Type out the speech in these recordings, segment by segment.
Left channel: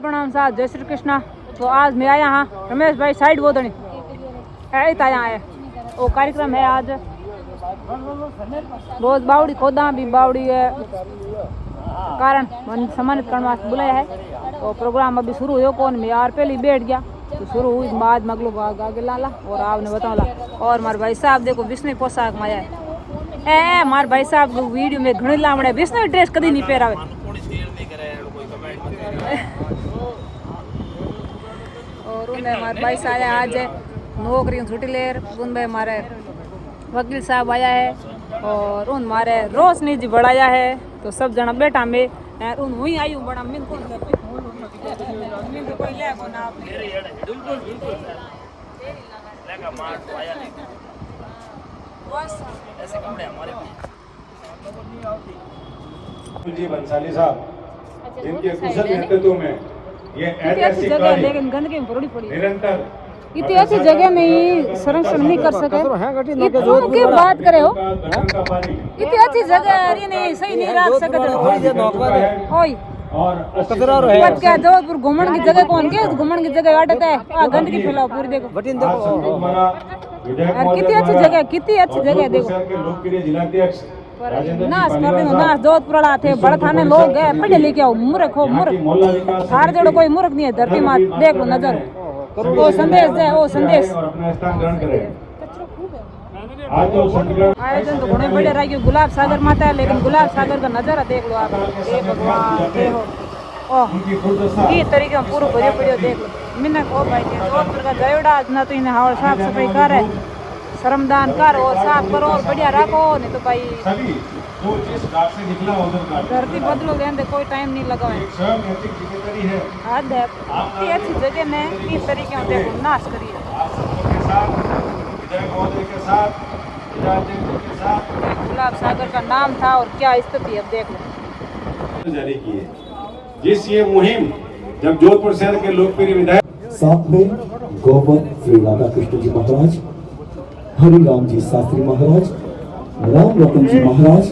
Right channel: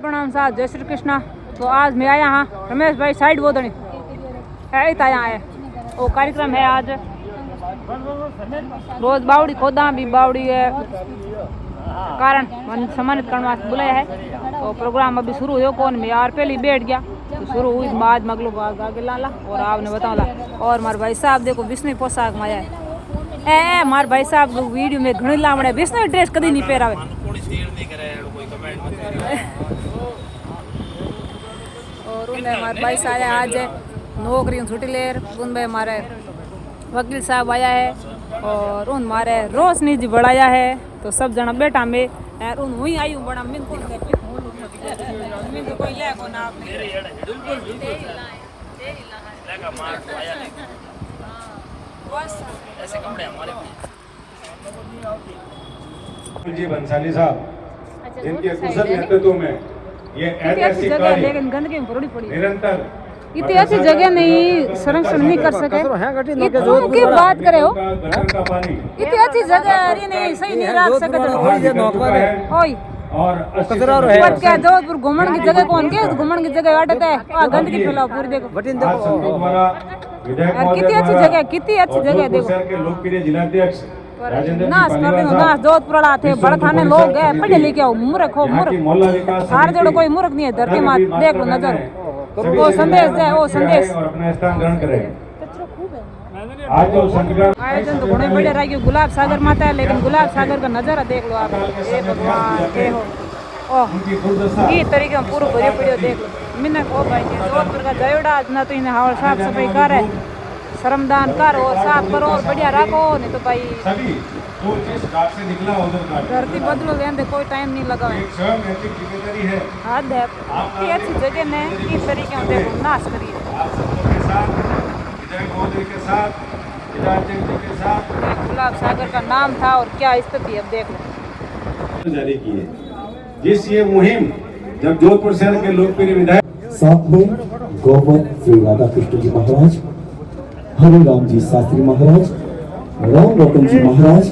प्रणाम साहब, जय श्री कृष्णा। तो आज मैं आया यहाँ रमेश भाई साइड बोधनी यहाँ है वो कार्यक्रम है आज रोज बावड़ी खोदा भी बावड़ी है कारण सम्मानित करने वास्ते बुलाया है। तो प्रोग्राम अभी शुरू हो कौन मैं यार पहले बैठ गया तो शुरू हुई बाद में अगलो आगे लाला और आपने बताओला। और मारे भाई साहब देखो विष्णु पोशाक में आया है मारे भाई साहब को वीडियो में घणी लावड़े विष्णु ड्रेस कभी नहीं पहरावे। और उनमें हमारे भाई साहब आया आज नौकरी छुट्टी ले उनमें हमारे वकील साहब आया है और उन हमारे रोशनी जी बढ़ाया है। तो सब जना बेटा में उन वही आयु बड़ा बिल्कुल कोई ले को ना ऐसे कपड़े हमारे जी बंसाली साहब जिनके कुशल नेतृत्व में ये ऐतिहासिक कार्य निरंतर इतनी अच्छी जगह में संरक्षण नहीं कर सके इतनी बात करे हो इतनी अच्छी जगह नहीं सही नहीं रख सके और जोधपुर घूमने की जगह कौन के घूमने की जगह अटता है गंदगी फैलाओ पूरी देखो कितनी अच्छी जगह देखो लोकप्रिय जिलाध्यक्ष नाश कर रहे हो नाश जोधपुर थे बड़े थाने लोग है पढ़े लिखे हो मूर्ख हो मूर्ख सारे जोड़ो कोई मूर्ख नहीं है धरती माँ देख लो नजर वो संदेश दे वो संदेश आयोजन तो बड़े बड़े रह गए गुलाब सागर माता है लेकिन गुलाब सागर का नजारा देख लो आप ये तरीके में पूरा भरियो पड़ियो देख लो मिन्ना ओ भाई के जोधपुर का जयोड़ा न तो इन्हें हाल साफ सफाई कर है श्रमदान कर और साफ करो और बढ़िया रखो नहीं तो भाई धरती बदलो लेने कोई टाइम नहीं लगा है हद है इतनी अच्छी जगह ने इस तरीके से देखो नाश करिए गुलाब सागर का नाम था और क्या स्थिति अब देख लो जारी की है जिस ये मुहिम जब जोधपुर शहर के लोकप्रिय विधायक साथ में गौरव श्री राधा कृष्ण जी महाराज हरिराम जी शास्त्री महाराज राम रतन जी महाराज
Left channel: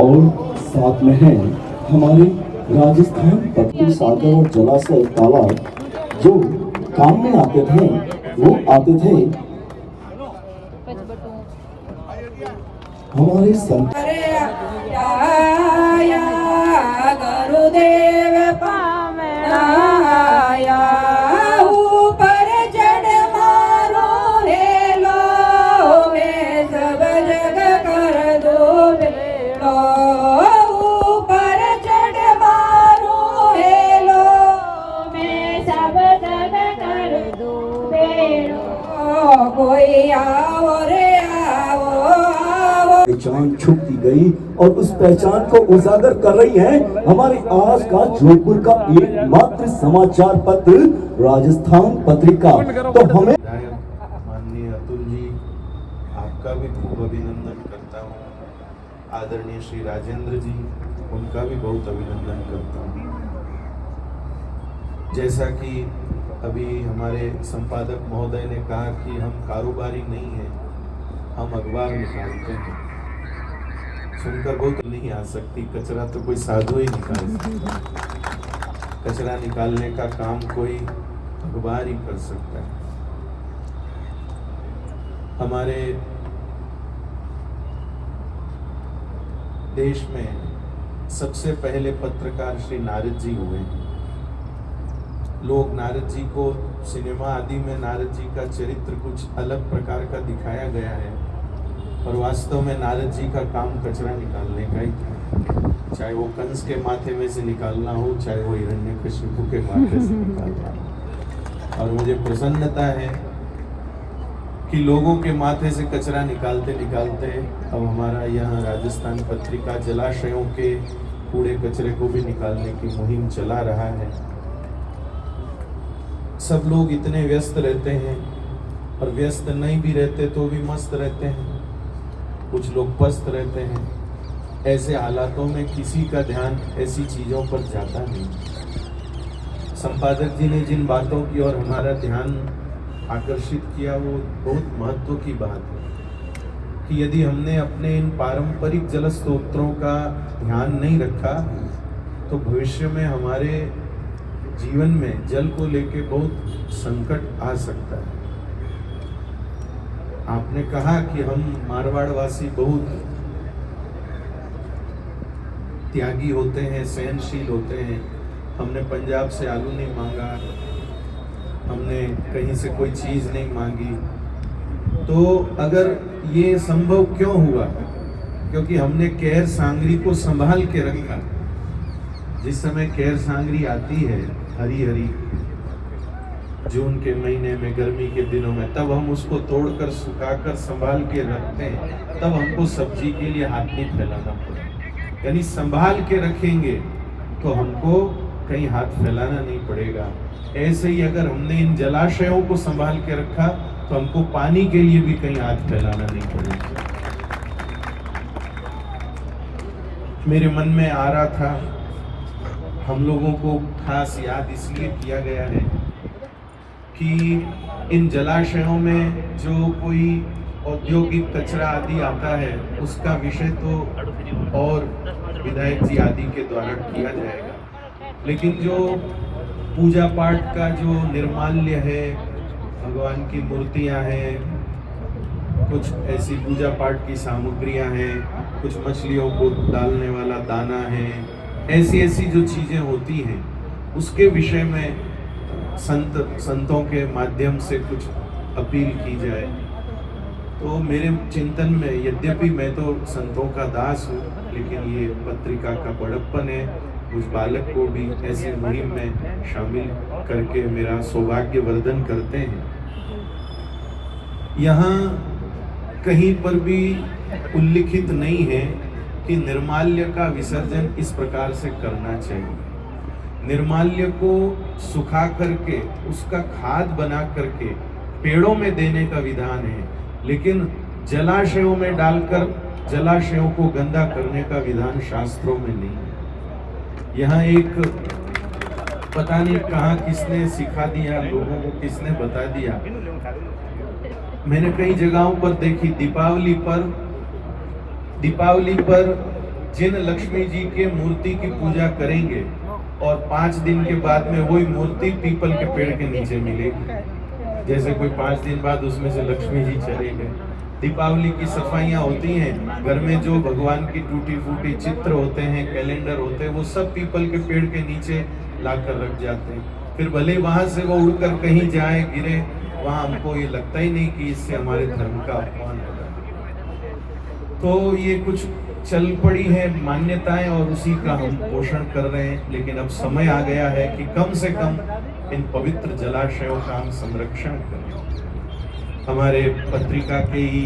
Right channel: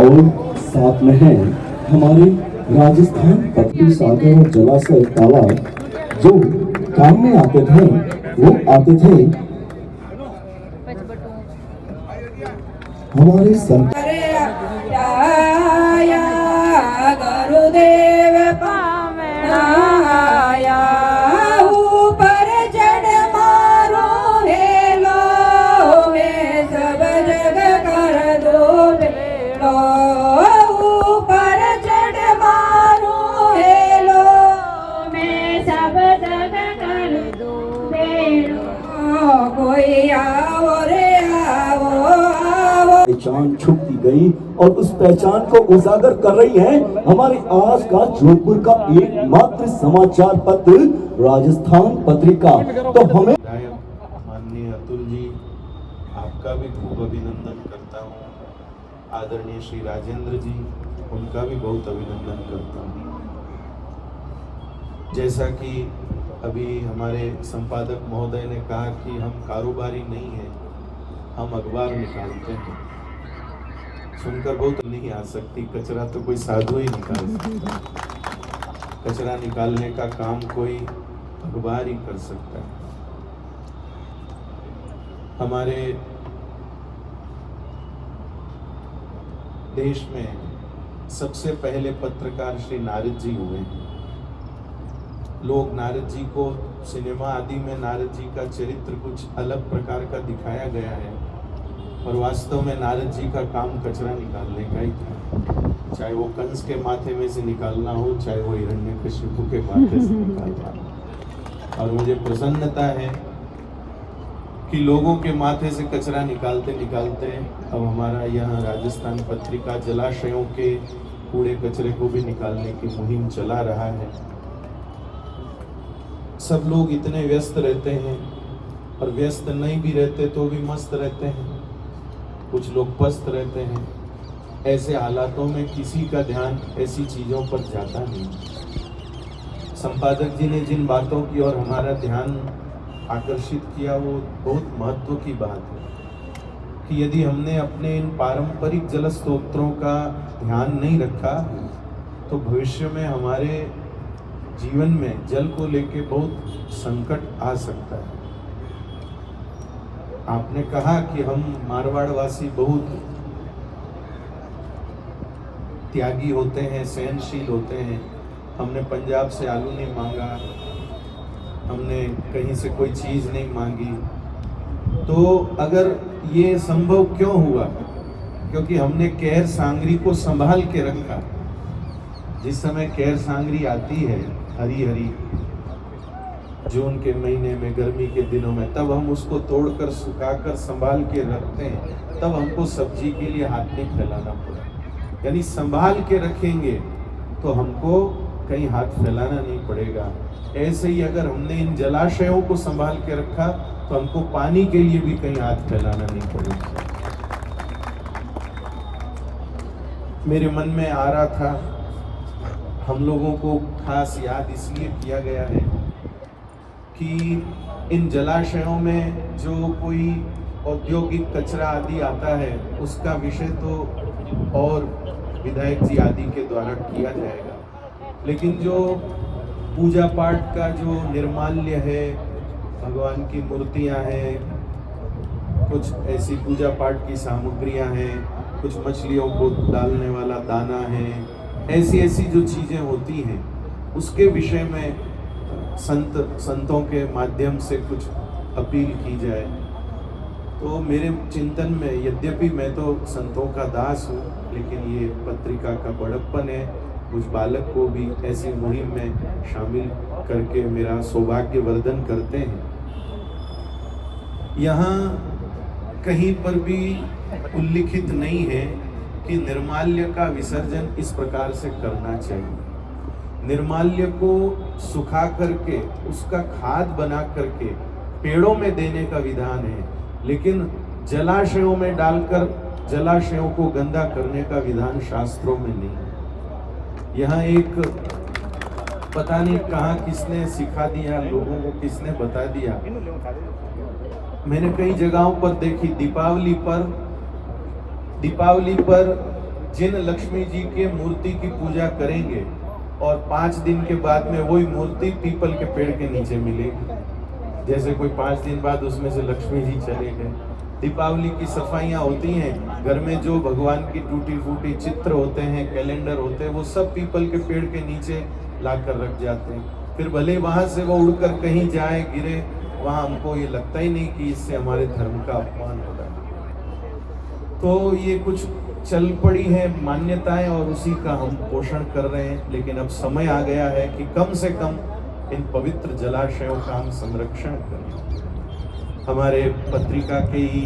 और साथ में हैं हमारे राजस्थान पत्ती सागर और जलाशय तालाब जो काम में आते थे वो आते थे हमारे गुरुदेव पहचान छुपती गई और उस पहचान को उजागर कर रही है हमारे आज का जोधपुर का एकमात्र समाचार पत्र राजस्थान पत्रिका। तो हमें माननीय अतुल जी आपका भी खूब अभिनंदन करता हूँ। आदरणीय श्री राजेंद्र जी उनका भी बहुत अभिनंदन करता हूँ। जैसा कि अभी हमारे संपादक महोदय ने कहा कि हम कारोबारी नहीं हैं, हम अखबार निकालते हैं। सुनकर बहुत नहीं आ सकती, कचरा तो कोई साधु ही निकाल सकता है, कचरा निकालने का काम कोई अखबार ही कर सकता है। हमारे देश में सबसे पहले पत्रकार श्री नारद जी हुए हैं। लोग नारद जी को सिनेमा आदि में नारद जी का चरित्र कुछ अलग प्रकार का दिखाया गया है और वास्तव में नारद जी का काम कचरा निकालने का ही था। चाहे वो कंस के माथे में से निकालना हो, चाहे वो हिरण्यकशिपु के माथे से निकालना हो। और मुझे प्रसन्नता है कि लोगों के माथे से कचरा निकालते निकालते अब हमारा यहाँ राजस्थान पत्रिका जलाशयों के कूड़े कचरे को भी निकालने की मुहिम चला रहा है। सब लोग इतने व्यस्त रहते हैं और व्यस्त नहीं भी रहते तो भी मस्त रहते हैं, कुछ लोग पस्त रहते हैं। ऐसे हालातों में किसी का ध्यान ऐसी चीजों पर जाता नहीं। संपादक जी ने जिन बातों की ओर हमारा ध्यान आकर्षित किया वो बहुत महत्व की बात है कि यदि हमने अपने इन पारंपरिक जल स्रोतों का ध्यान नहीं रखा तो भविष्य में हमारे जीवन में जल को लेके बहुत संकट आ सकता है। आपने कहा कि हम मारवाड़ वासी बहुत त्यागी होते हैं, सहनशील होते हैं। हमने पंजाब से आलू नहीं मांगा, हमने कहीं से कोई चीज नहीं मांगी। तो अगर ये संभव क्यों हुआ? क्योंकि हमने कैर सांगरी को संभाल के रखा। जिस समय कैर सांगरी आती है हरी हरी जून के महीने में, गर्मी के दिनों में, तब हम उसको तोड़कर सुखाकर संभाल के रखते हैं। तब हमको सब्जी के लिए हाथ नहीं फैलाना पड़ेगा। यानी संभाल के रखेंगे तो हमको कहीं हाथ फैलाना नहीं पड़ेगा। ऐसे ही अगर हमने इन जलाशयों को संभाल के रखा तो हमको पानी के लिए भी कहीं हाथ फैलाना नहीं पड़ेगा। मेरे मन में आ रहा था, हम लोगों को खास याद इसलिए किया गया है कि इन जलाशयों में जो कोई औद्योगिक कचरा आदि आता है उसका विषय तो और विधायक जी आदि के द्वारा किया जाएगा, लेकिन जो पूजा पाठ का जो निर्माल्य है, भगवान की मूर्तियां हैं, कुछ ऐसी पूजा पाठ की सामग्रियां हैं, कुछ मछलियों को डालने वाला दाना है, ऐसी जो चीजें होती हैं उसके विषय में संतों के माध्यम से कुछ अपील की जाए। तो मेरे चिंतन में, यद्यपि मैं तो संतों का दास हूँ, लेकिन ये पत्रिका का बड़प्पन है, उस बालक को भी ऐसी मुहिम में शामिल करके मेरा सौभाग्य वर्धन करते हैं। यहाँ कहीं पर भी उल्लिखित नहीं है कि निर्माल्य का विसर्जन इस प्रकार से करना चाहिए। निर्माल्य को सुखा करके उसका खाद बना करके पेड़ों में देने का विधान है, लेकिन जलाशयों में डालकर जलाशयों को गंदा करने का विधान शास्त्रों में नहीं है। यहाँ एक पता नहीं कहाँ किसने सिखा दिया, लोगों को किसने बता दिया, मैंने कई जगहों पर देखी, दीपावली पर जिन लक्ष्मी जी के मूर्ति की पूजा करेंगे और 5 दिन के बाद में वही मूर्ति पीपल के पेड़ के नीचे मिलेगी। जैसे कोई 5 दिन बाद उसमें से लक्ष्मी जी चले गए। दीपावली की सफाइयाँ होती हैं, घर में जो भगवान की टूटी फूटी चित्र होते हैं, कैलेंडर होते हैं, वो सब पीपल के पेड़ के नीचे लाकर रख जाते हैं। फिर भले वहां से वो उड़कर कहीं जाए, गिरे, वहां हमको ये लगता ही नहीं कि इससे हमारे धर्म का अपमान होगा। तो ये कुछ चल पड़ी है मान्यताएं और उसी का हम पोषण कर रहे हैं, लेकिन अब समय आ गया है कि कम से कम इन पवित्र जलाशयों का हम संरक्षण करें। हमारे पत्रिका के ही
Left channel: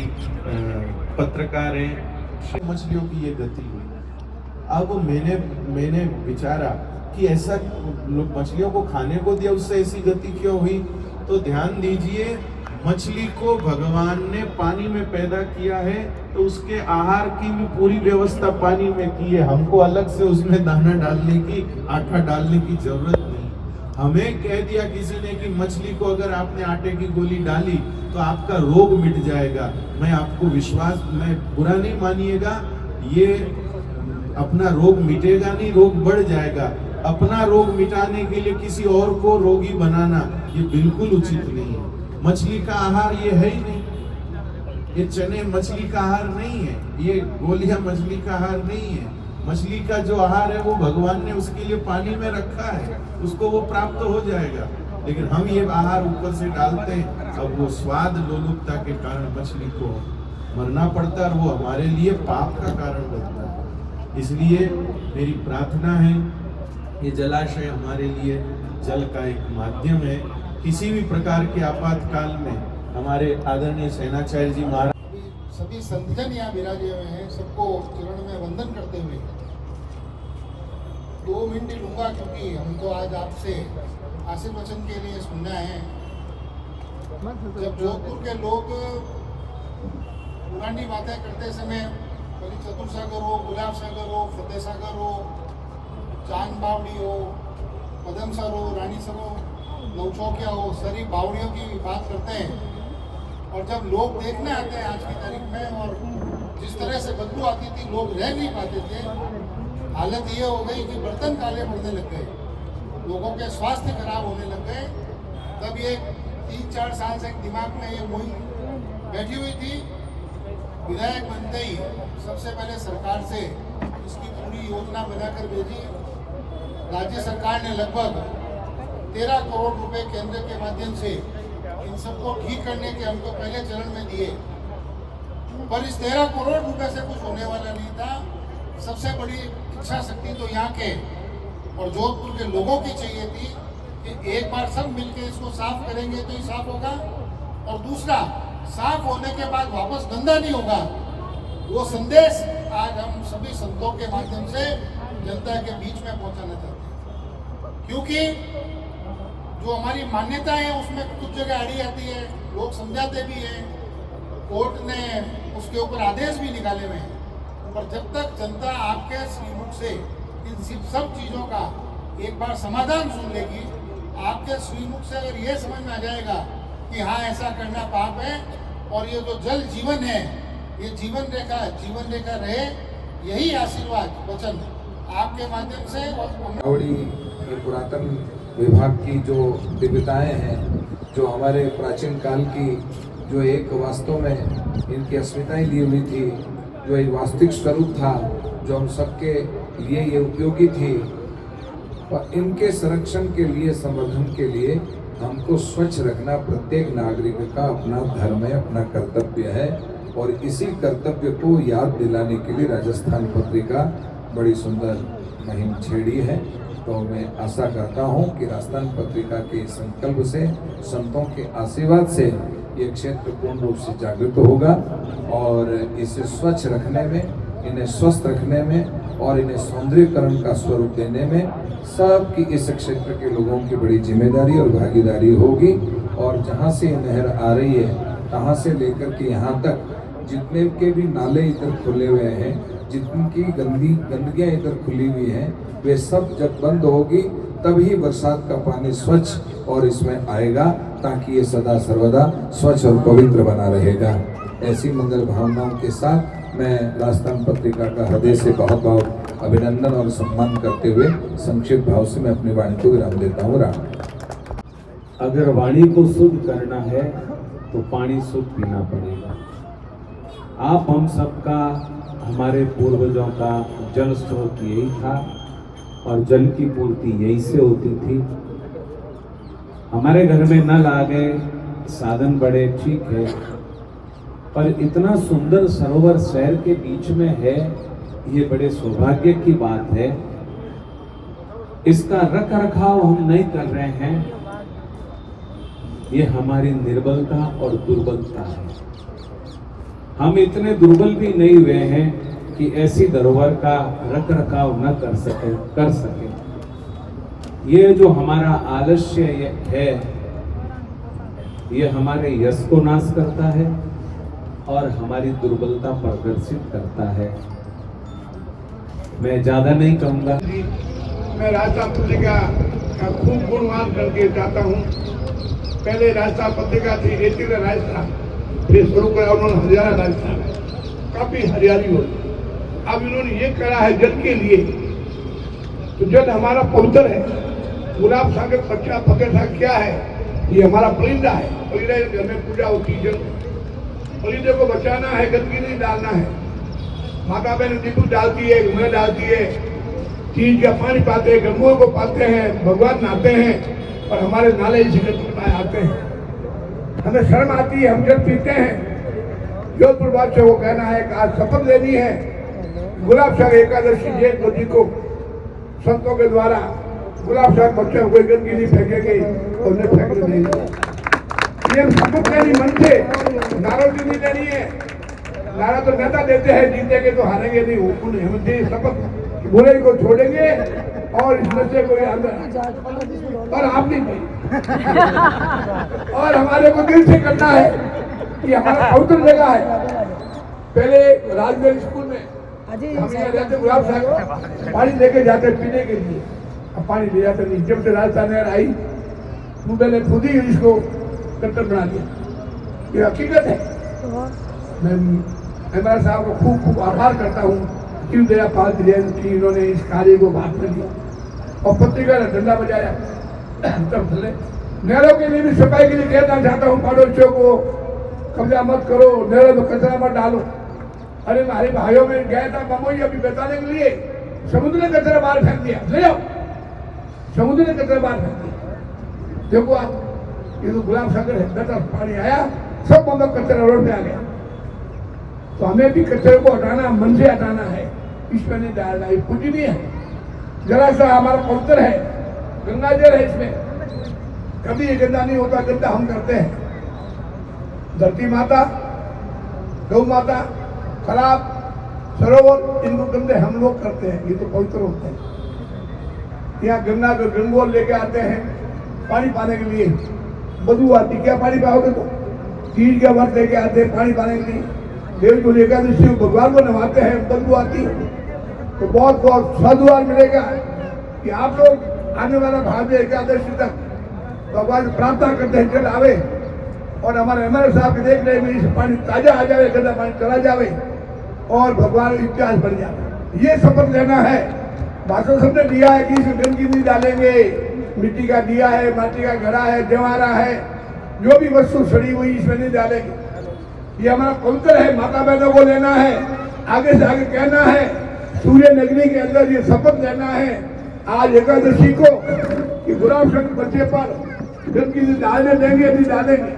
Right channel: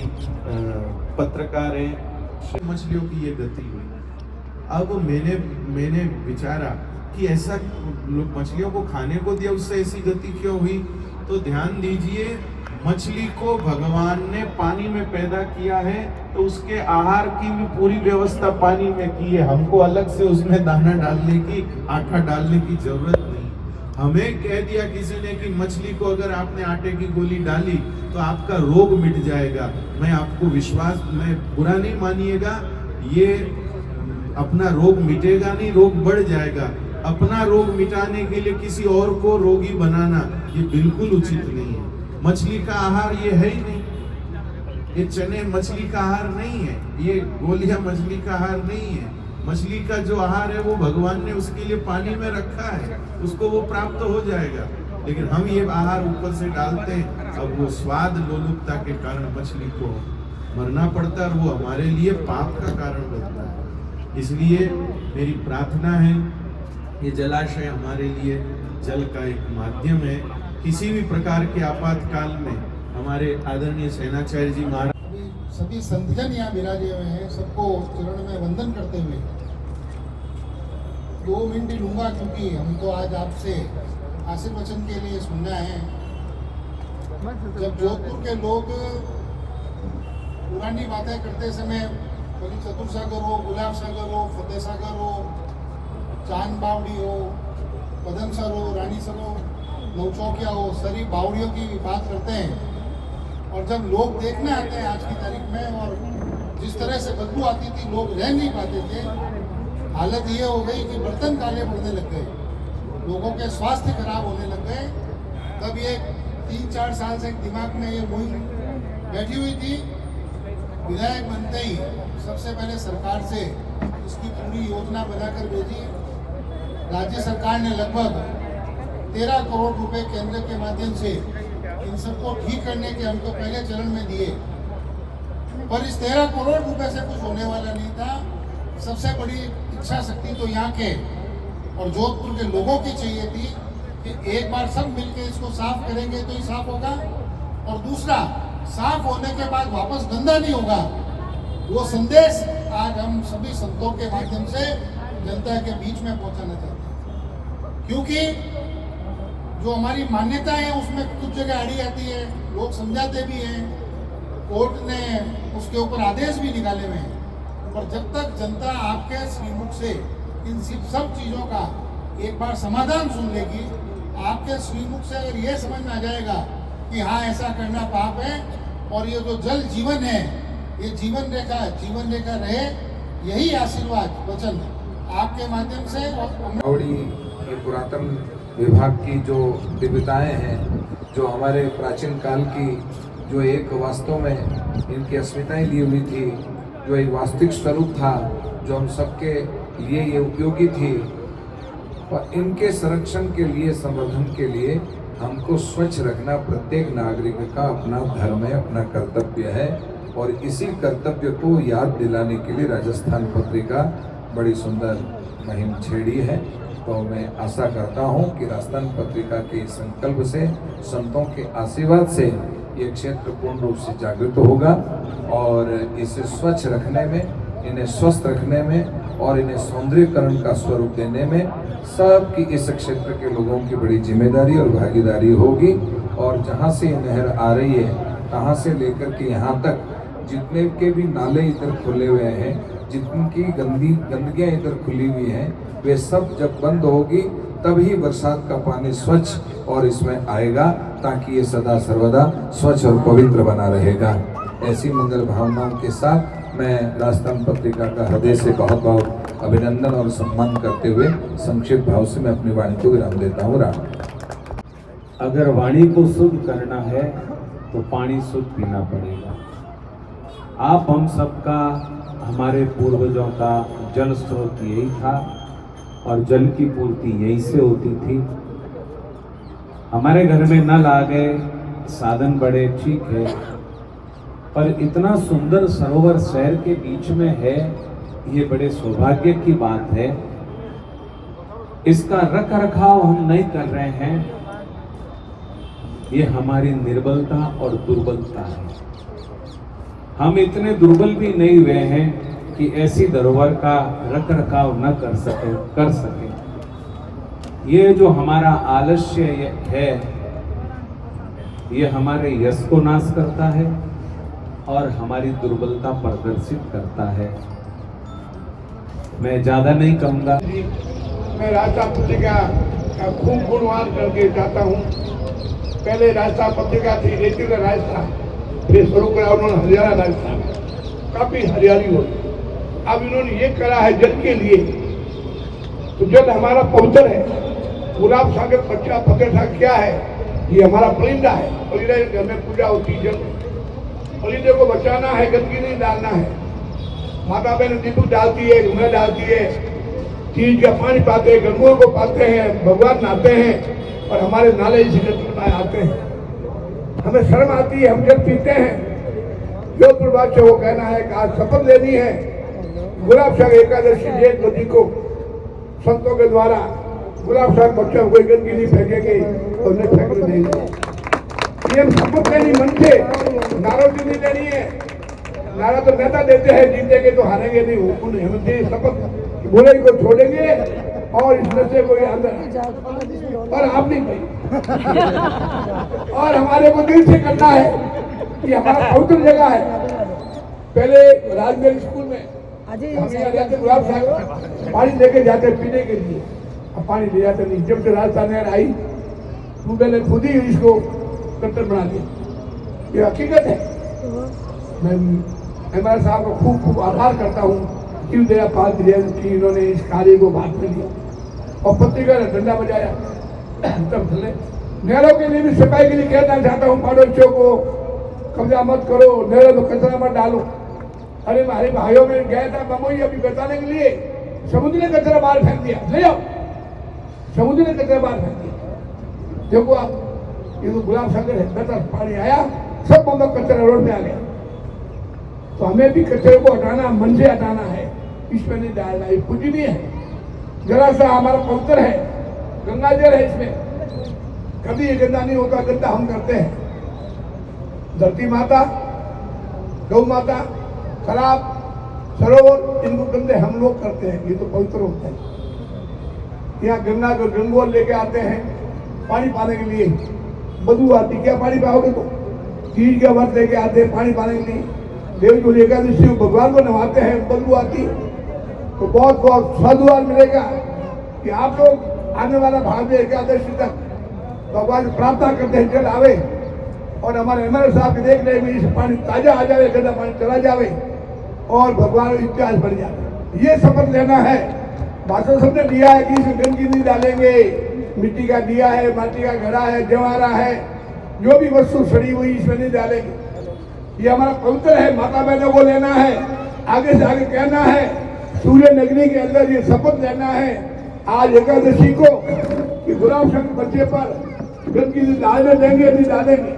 पत्रकार हैं, मछलियों की ये गति हुई। अब मैंने विचारा कि ऐसा लोग मछलियों को खाने को दिया, उससे ऐसी गति क्यों हुई? तो ध्यान दीजिए, मछली को भगवान ने पानी में पैदा किया है, तो उसके आहार की भी पूरी व्यवस्था पानी में की है। हमको अलग से उसमें दाना डालने की, आटा डालने की जरूरत नहीं। हमें कह दिया किसी ने कि मछली को अगर आपने आटे की गोली डाली तो आपका रोग मिट जाएगा। मैं आपको विश्वास, मैं बुरा नहीं मानिएगा, ये अपना रोग मिटेगा नहीं, रोग बढ़ जाएगा। अपना रोग मिटाने के लिए किसी और को रोगी बनाना ये बिल्कुल उचित नहीं है। मछली का आहार ये है ही नहीं, ये चने मछली का आहार नहीं है, ये गोलियां मछली का आहार नहीं है। मछली का जो आहार है वो भगवान ने उसके लिए पानी में रखा है, उसको वो प्राप्त हो जाएगा। लेकिन हम ये आहार ऊपर से डालते हैं, अब वो स्वाद लोलुपता के कारण मछली को मरना पड़ता है और वो हमारे लिए पाप का कारण बनता है। इसलिए मेरी प्रार्थना है, ये जलाशय हमारे लिए जल का एक माध्यम है। किसी भी प्रकार के आपातकाल में हमारे आदरणीय सेनाचार्य जी महाराज, सभी संतजन यहाँ विराजे हुए हैं, सबको चरण में वंदन करते हुए 2 मिनट लूंगा, क्योंकि हमको आज आपसे आशीर्वचन के लिए सुनना है। जब जोधपुर के लोग पुरानी बातें करते समय, कभी चतुर सागर हो, गुलाब सागर हो, फतेह सागर हो, चांद बावड़ी हो, पदम सर हो, रानी सर हो, नौचौकिया हो, सारी बावड़ियों की बात करते हैं। और जब लोग देखने आते हैं आज की तारीख में, और जिस तरह से बदबू आती थी, लोग रह नहीं पाते थे। हालत ये हो गई कि बर्तन काले पड़ने लग गए। लोगों के स्वास्थ्य खराब होने लग गए, तब ये 3-4 साल से दिमाग में ये वही बैठी हुई थी। विधायक बनते ही सबसे पहले सरकार से इसकी पूरी योजना बनाकर भेजी। राज्य सरकार ने लगभग 13 करोड़ रुपए केंद्र के माध्यम से इन सबको ठीक करने के हमको पहले चरण में दिए, पर इस 13 करोड़ रुपए से कुछ होने वाला नहीं था। सबसे बड़ी इच्छा शक्ति तो यहाँ के और जोधपुर के लोगों की चाहिए थी कि एक बार सब मिलकर इसको साफ करेंगे तो ही साफ होगा, और दूसरा साफ होने के बाद वापस गंदा नहीं होगा। वो संदेश आज हम सभी संतों के माध्यम से जनता के बीच में पहुंचाना चाहते हैं, क्योंकि जो हमारी मान्यता है उसमें कुछ जगह अड़ी आती है, लोग समझाते भी हैं, कोर्ट ने उसके ऊपर आदेश भी निकाले हुए हैं, पर जब तक जनता आपके श्रीमुख से इन सब चीजों का एक बार समाधान सुन लेगी, आपके श्रीमुख से अगर यह समझ में आ जाएगा कि हाँ ऐसा करना पाप है और ये जो जल जीवन है ये जीवन रेखा रहे, यही आशीर्वाद वचन आपके माध्यम से और ये पुरातन विभाग की जो दिव्यताएं हैं, जो हमारे प्राचीन काल की जो एक वास्तव में इनकी अस्मिताएं ली हुई थी, जो एक वास्तविक स्वरूप था, जो हम सबके लिए ये उपयोगी थी, और इनके संरक्षण के लिए, संवर्धन के लिए हमको स्वच्छ रखना प्रत्येक नागरिक का अपना धर्म है, अपना कर्तव्य है। और इसी कर्तव्य को याद दिलाने के लिए राजस्थान पत्रिका बड़ी सुंदर मुहिम छेड़ी है। तो मैं आशा करता हूं कि राजस्थान पत्रिका के संकल्प से, संतों के आशीर्वाद से ये क्षेत्र पूर्ण रूप से जागृत होगा और इसे स्वच्छ रखने में, इन्हें स्वस्थ रखने में और इन्हें सौंदर्यकरण का स्वरूप देने में सबकी इस क्षेत्र के लोगों की बड़ी जिम्मेदारी और भागीदारी होगी। और जहाँ से ये नहर आ रही है, तहाँ से लेकर के यहाँ तक जितने के भी नाले इधर खुले हुए हैं, जितनी गंदगियाँ इधर खुली हुई हैं, वे सब जब बंद होगी तभी बरसात का पानी स्वच्छ और इसमें आएगा, ताकि ये सदा सर्वदा स्वच्छ और पवित्र बना रहेगा। ऐसी मंगल भावनाओं के साथ मैं राजस्थान पत्रिका का हृदय से बहुत बहुत अभिनंदन और सम्मान करते हुए संक्षिप्त भाव से मैं अपनी वाणी को विराम देता हूँ। राम। अगर वाणी को शुद्ध करना है तो पानी शुद्ध पीना पड़ेगा। आप हम सबका, हमारे पूर्वजों का जल स्रोत यही था और जल की पूर्ति यहीं से होती थी। हमारे घर में नल आ गए, साधन बड़े, ठीक है, पर इतना सुंदर सरोवर शहर के बीच में है, ये बड़े सौभाग्य की बात है। इसका रख रखाव हम नहीं कर रहे हैं, ये हमारी निर्बलता और दुर्बलता है। हम इतने दुर्बल भी नहीं हुए हैं कि ऐसी धरोहर का रख रखाव न कर सके। ये जो हमारा आलस्य है, ये हमारे यश को नाश करता है और हमारी दुर्बलता प्रदर्शित करता है। मैं ज्यादा नहीं कहूंगा। मैं राजस्थान पत्रिका का खूब गुणवान करके जाता हूँ। पहले राजस्थान पत्रिका थी रेटिकुलर राजस्थान, फिर शुरू करा उन्होंने हरियाणा राजस्थान, काफी हरियाली हो। अब इन्होंने ये करा है जल के लिए, तो जल हमारा पवित्र है। गुलाब सागर बच्चा पकड़ क्या है, ये हमारा पलिंदा है। पलिंदा घर में पूजा होती है, जल पलिंदे को बचाना है, गंदगी नहीं डालना है। माता बहन दीपक डालती है, घुंघरा डालती है, चीज का पानी पाते हैं, गंगों को पाते हैं, भगवान नहाते हैं, और हमारे नाले इसी गंदगी आते हैं। हमें शर्म आती है, हम जल पीते हैं। जोधपुर बात से वो कहना है कि आज शपथ लेनी है, गुलाब सागर एकादशी जेठ मोदी को संतों के द्वारा गुलाब सागर बच्चे कोई गंदगी नहीं फेंकेंगे और उन्हें फेंकने नहीं। ये शपथ लेनी मन से, नारों से नहीं लेनी है। नारा तो नेता देते हैं, जीतेंगे तो हारेंगे नहीं। उन्हें हम शपथ बुराई को छोड़ेंगे और इस नशे को अंदर, और आप नहीं और हमारे को दिल से करना है कि हमारा पवित्र जगह है। पहले राजगढ़ स्कूल में हम यहाँ रहते, गुलाब सागर पानी लेके जाते पीने के लिए, अब पानी ले जाते नहीं। जब से राजस्थान नहर आई, मैंने खुद ही इसको कट्टर बना दिया। ये हकीकत है। मैं एमआर साहब को खूब खूब आभार करता हूँ, शिव दया पाल की इन्होंने इस कार्य को भाग में लिया। और पत्रिका ने डंडा बजाया। तब चले नहरों के लिए भी सफाई के लिए कहना चाहता हूँ पड़ोसियों को, कब्जा मत करो, नहरों में कचरा मत डालो। अरे हमारे भाइयों में गया था बमोई अभी बताने के लिए, समुद्र ने कचरा बाहर फेंक दिया, ले जाओ, समुद्र ने कचरा बाहर फेंक दिया। देखो आप, ये तो गुलाब सागर है, 10 पानी आया, सब मतलब कचरा रोड पे आ गया। तो हमें भी कचरे को हटाना, मन से हटाना है, इसमें नहीं डालना। ये कुछ नहीं है, जरा सा हमारा पवित्र है, गंगा जल है, इसमें कभी ये गंदा नहीं होता, गंदा हम करते हैं। धरती माता, गौ माता, खराब सरोवर, इनको गंदे हम लोग करते हैं, ये तो पवित्र होते हैं। यहाँ गंगा को गंगोर लेके आते हैं पानी पाने के लिए, बदबू आती, क्या पानी पाओगे तो? तीज का व्रत लेके आते हैं पानी पाने के लिए, देव को एकादशी भगवान को नवाते हैं, बदबू आती, तो बहुत बहुत साधुवार मिलेगा कि आप लोग आने वाला भाग्य एकादशी तक भगवान प्रार्थना करते हैं जल आवे, और हमारे एमएलए साहब के देख रहे में पानी ताजा आ जावे, गंदा पानी चला जावे, और भगवान इतिहास बढ़ जाए। ये शपथ लेना है। भाषण सबने दिया है कि इसमें गंदगी नहीं डालेंगे, मिट्टी का दिया है, माटी का घड़ा है, जवारा है, जो भी वस्तु सड़ी हुई इसमें नहीं डालेंगे। ये हमारा पवित्र है, माता बहनों को लेना है, आगे से आगे कहना है, सूर्य नगरी के अंदर ये शपथ लेना है आज एकादशी को कि गुलाब शंकर बच्चे पर गंदगी नहीं डालने देंगे, नहीं डालेंगे।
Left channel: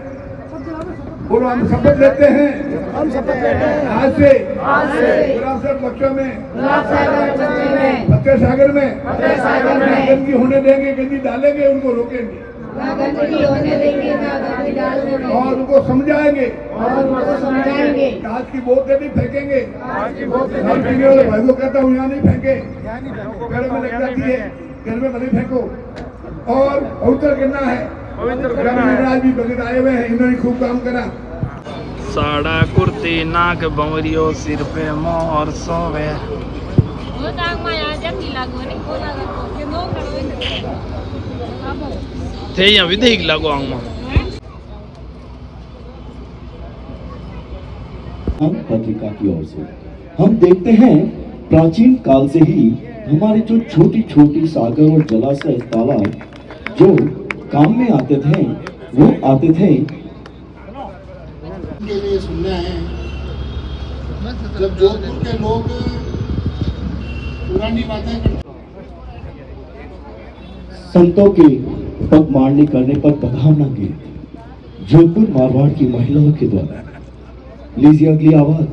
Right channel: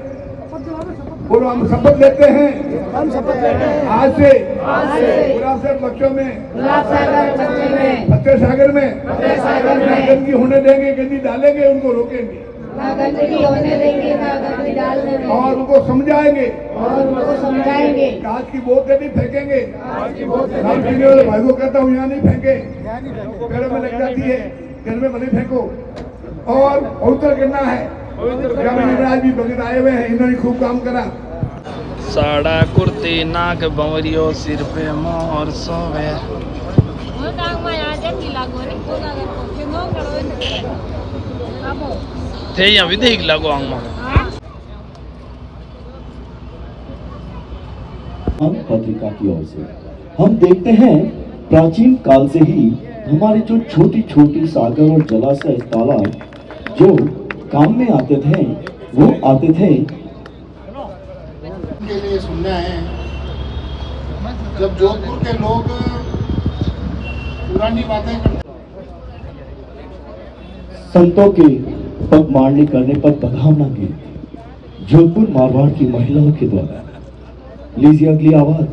बोलो, हम शपथ लेते हैं आज से गुलाब शंकर बच्चों में, फतेह सागर में गंदगी होने देंगे, गंदगी डालेंगे, उनको रोकेंगे और उनको समझाएंगे, कांच की बोतलें नहीं फेंकेंगे। भाई को कहता हूँ यहाँ नहीं फेंके, घर में लग जाती है, घर में नहीं फेंको। और पवित्र करना है। आज भी भगत आए हुए हैं, इन्होंने खूब काम करा। साड़ा कुर्ती नाक बंवरियो सिर पे मोर सोवे थे यहाँ भी देख लगो आंगमा। हम पत्रिका की ओर से हम देखते हैं प्राचीन काल से ही हमारे जो छोटी छोटी सागर और जलाशय तालाब जो काम में आते थे वो आते थे के लिए सुनना है। जब जोधपुर के लोग पुरानी बातें करते, संतों के पगमारणी करने पर बधावना गीत जोधपुर मारवाड़ की महिलाओं के द्वारा। लीजिए अगली आवाज।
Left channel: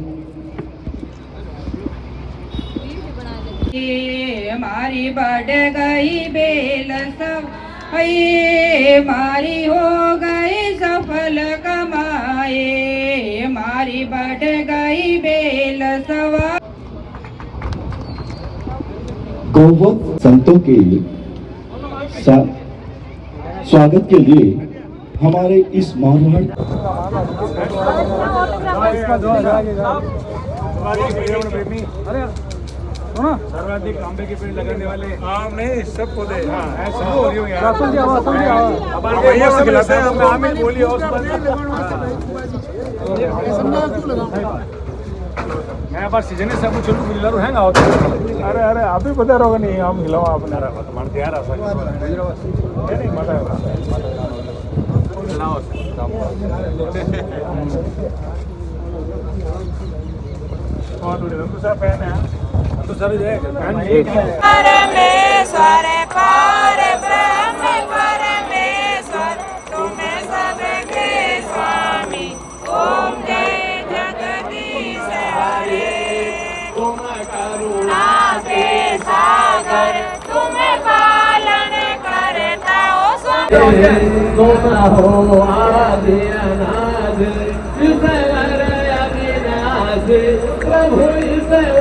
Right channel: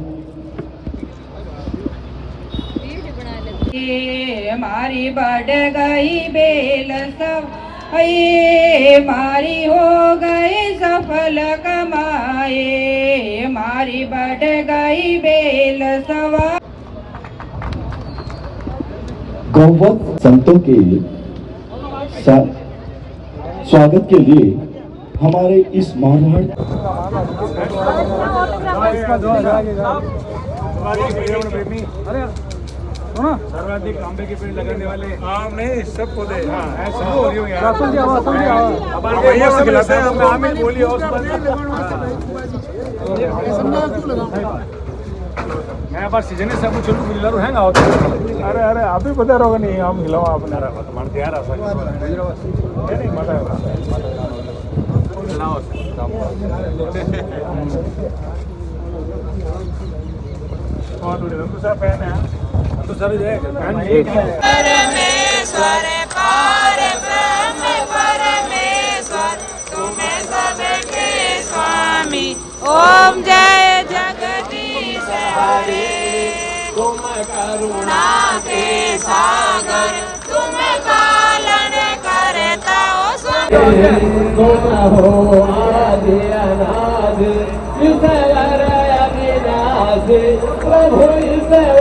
हमारी बढ़ गई बेल सब, मारी हो गई सफल कमाए, मारी बढ़ गई बेल सवा। गौवत संतों के स्वागत के लिए हमारे इस मारवाड़ सर्वाधिक आंबे के पेड़ लगाने वाले आम नहीं सब पौधे। हाँ सब हो रही है खिलाते हैं हम आम ही बोली और मैं बार सीजन है सब छोटू मिलर हैंगा होता है। अरे अरे आप ही बता रहोगे नहीं आम खिलाओ आपने मन तैयार है नहीं मजा खिलाओ दूसरा पहन है तो सर जो है परमेश्वर पार ब्रह्म परमेश्वर तुम्हें सबके स्वामी। ओम जय जगदीश हरे, तुम करुणा के सागर, तुम्हें पालन करता हो स्वामी। तुम हो आदि अनाद, ईश्वर अविनाश, प्रभु ईश्वर।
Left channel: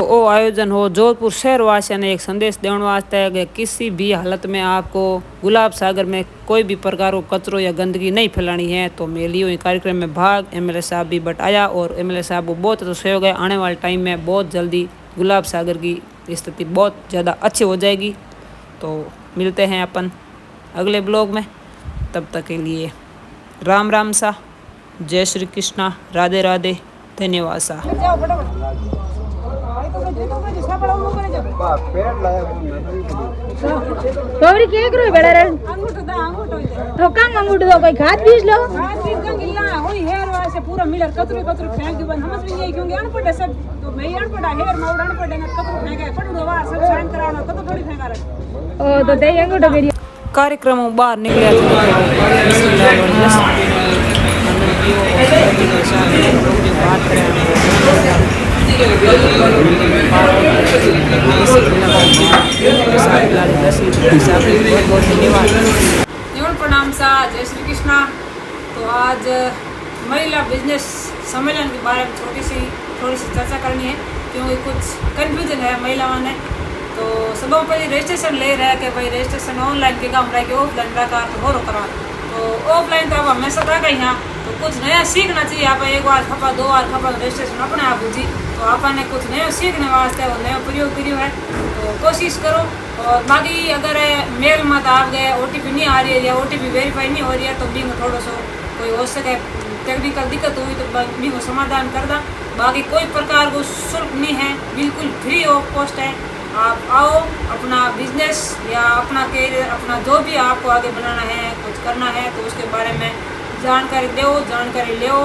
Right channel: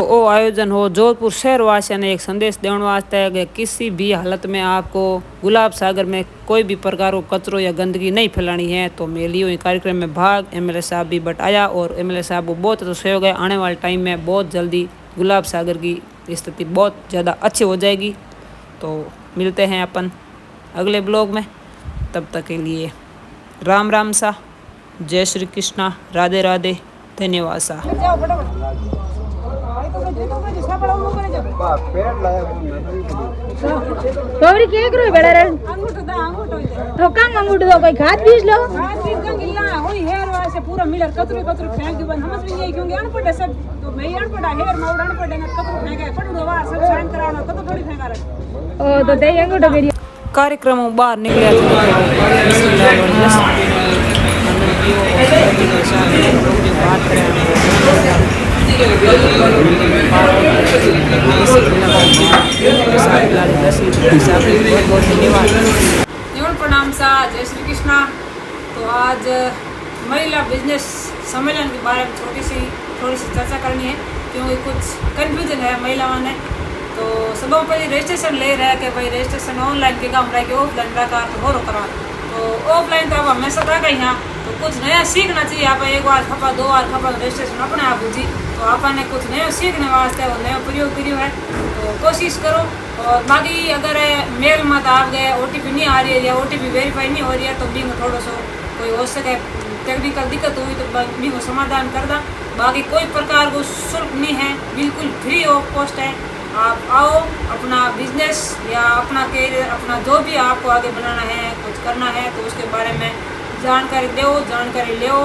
वो आयोजन हो जोधपुर शहर वासियों ने एक संदेश देने वास्ते है कि किसी भी हालत में आपको गुलाब सागर में कोई भी प्रकार को कचरो या गंदगी नहीं फैलानी है। तो मैं लियो कार्यक्रम में भाग, एमएलए साहब भी बटाया और एमएलए साहब को बहुत तो सहयोग है। आने वाले टाइम में बहुत जल्दी गुलाब सागर की स्थिति बहुत ज़्यादा अच्छी हो जाएगी। तो मिलते हैं अपन अगले ब्लॉग में, तब तक के लिए राम राम सा, जय श्री कृष्णा, राधे राधे, धन्यवाद सा। तोरी के करो बेड़ा रे तो काम अंगूठ दो कोई खाद बीज लो पूरा मिलर कतरू कतरू फेंक दो समझ में नहीं क्योंकि अनपढ़ है सब तो मैं अनपढ़ है हेर माउड अनपढ़ है कतरू फेंके पड़ो वार सब साइन कराना कतो थोड़ी फेंका रे ओ तो दे अंगूठ मेरी कार्यक्रम बाहर निकले प्रणाम सा जय श्री कृष्णा। तो आज महिला बिजनेस सम्मेलन के बारे में थोड़ी सी चर्चा करनी है क्योंकि कुछ कंफ्यूजन है महिलाओं ने। तो सब पहले रजिस्ट्रेशन ले रहा है कि भाई रजिस्ट्रेशन ऑनलाइन के काम रहा कि ऑफलाइन रहा तो हो करा तो ऑफलाइन तो अब हमेशा रह गई यहाँ तो कुछ नया सीखना चाहिए। आप एक बार खपा 2 बार खपा रजिस्ट्रेशन अपने आप जी तो आपने कुछ नया सीखने वास्ते वो नया प्रयोग करियो है तो कोशिश करो। और बाकी अगर मेल मत आप गए OTP नहीं आ रही है या OTP वेरीफाई नहीं हो रही है तो भी थोड़ा सा कोई हो सके टेक्निकल दिक्कत हुई तो भी समाधान कर दा। बाकी कोई प्रकार को शुल्क नहीं है, बिल्कुल फ्री ऑफ कॉस्ट है। आप आओ अपना बिजनेस या अपना कैरियर अपना जो भी आपको आगे बनाना है कुछ करना है तो उसके बारे में जानकारी दो, जानकारी लो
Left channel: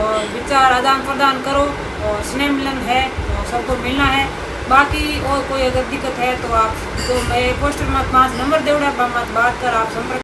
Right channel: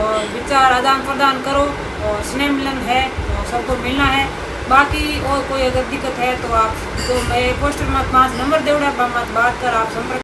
और विचार आदान प्रदान करो और स्नेह मिलन है तो सबको मिलना है। बाकी और कोई अगर दिक्कत है तो आप तो मैं पोस्टर में 5 नंबर दे बात कर आप संपर्क